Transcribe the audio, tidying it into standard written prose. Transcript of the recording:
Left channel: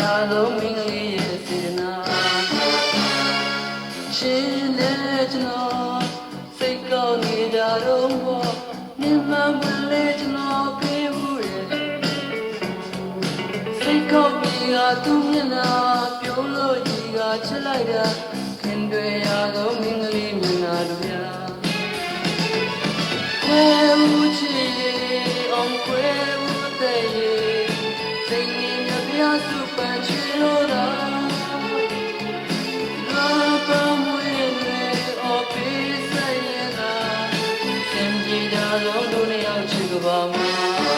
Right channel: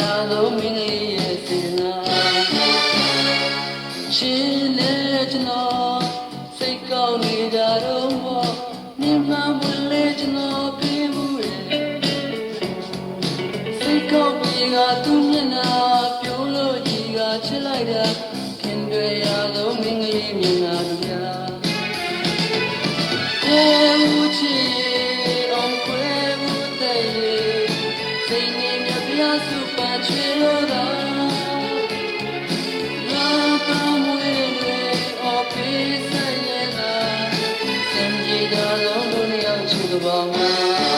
ရာလုံးမင်းလေးရဲ့စေတနာရှင်နဲ့ကျွန်တော်စိတ်ကောင်းနေကြတော့ဘောမြင်မှန်ဘူးလေကျွန်တော်ပြေးဘူးရဲ့စိတ်ကောင်းပြီးကသူမျက်နှာပြိုးလို့ကြီးကချစ်လိုက်တာခင်တွေရာလုံးမင်းကလေးမြင်လာတို့များဦးချီအောင်ခွဲဦးတဲ့စိတ်ငြိမ်ရပြစုပန်ချွေလို့သာလာတော့မွေးတွေအော်ပေးဆက်ရတာစင်ကြည်ကြလုံးတို့နဲ့အောင်ချစ်ကပါမှာ